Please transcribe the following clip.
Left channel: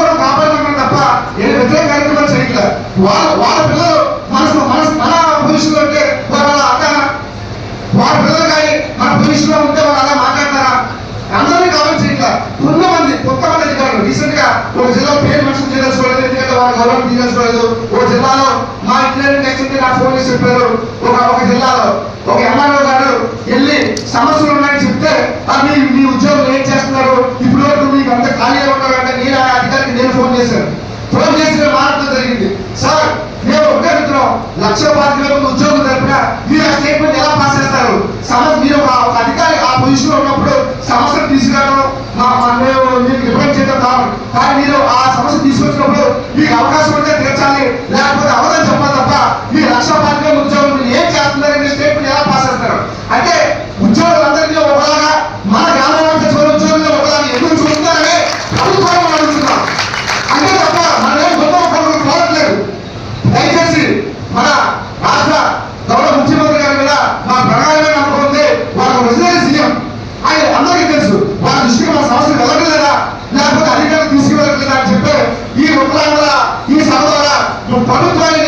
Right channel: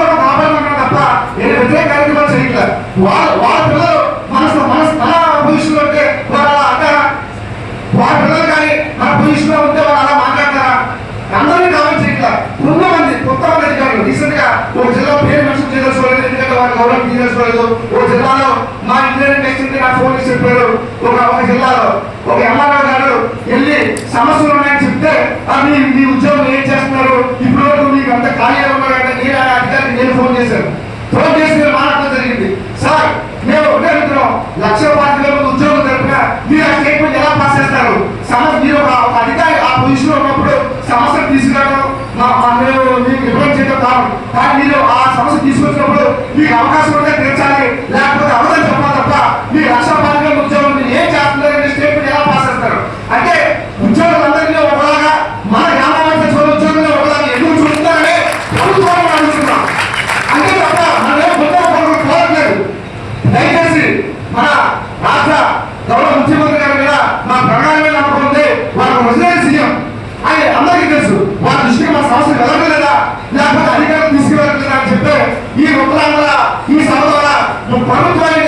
కూడా కాపాడమన్నా తప్ప ఏ వ్యతిరేక కార్యక్రమాలు చేయట్లేదు. వాళ్ళ పిల్లలు మన పొజిషన్లో ఉంటే వాళ్ళు అలా అంటారా? వాళ్ళ పిల్లలు కానీ మన పొజిషన్లో ఉంటే వాళ్ళు అలా మాట్లాడతారా? అందరినీ కామెంట్ చేయట్లేదు. కొంతమంది అధికారులు రీసెంట్ గా ఒక జిల్లా పేరు మెన్షన్ చేయదలుచుకోలేదు, ఎందుకంటే వాళ్ళ గౌరవం తీయదలుచుకోలేదు. ఒక జిల్లాలో మా ఇంజనీరింగ్ నెక్స్ట్ నాకు ఫోన్ చేసి చెప్పారు, ఒక జిల్లాలో ఒక ఎంఆర్ఓ గారు వెళ్ళి సమస్యలు ఉన్నాయని చెప్తే మీ ఉద్యోగులు ఏం చేస్తున్నారు, ఇప్పుడు వరకు మీకు అంత ఖాళీగా ఉన్నారంటే నేను ఆ అధికారికి నేను ఫోన్ చేశాను. ఫోన్ చేసి మాట్లాడడం జరిగింది. సార్ మేము ఒకే అడుగుతున్నాం, 1,25,000 ఉద్యోగులు తరపున మీరు ఆ స్టేట్మెంట్ ఎలా పాస్ చేస్తారు? మీరు ఒక అధికారి ఆ పొజిషన్ లో ఉన్నప్పుడు సమస్యలు తీసుకురావడం మీకు రిప్రజెంట్ చేయడం కాదు. కానీ మీరు ఆ సమస్య తీసుకొచ్చినప్పుడు మీకు అవకాశం ఉంటే తీర్చాలి, లేకపోతే అవదని చెప్పాలి తప్ప మీ 1,25,000 ఉద్యోగులు ఏం చేస్తున్నారనే స్టేట్మెంట్ ఎలా పాస్ చేస్తారు? అంటే ఉద్యోగులందరినీ ఒకలాగా మన గ్రామానికి ఉద్యోగులు ఒకలాగా ఎందుకు చూపుతారని ప్రభుత్వాన్ని మనం అడుగుతున్నాం. అంతే తప్ప మనం ఏం గొప్ప కోరట్లేదు. దయచేసి మన రాష్ట్ర గౌరవ ముఖ్యమంత్రి గారి మీద మా ప్రణాళిక నమ్మకం ఉంది. వాళ్ళకు రెసిడెన్స్ సీఎం ఆయన అందరికీ తెలుసు. వాళ్ళ దృష్టికి మన సమస్యలు వెళ్ళట్లేదా, లేకపోతే అధికారులు తీసుకువెళ్ళట్లేదా అని చెప్పి ఈ ఉత్తరాంధ్ర ఈ సభ ద్వారా ప్రభుత్వాన్ని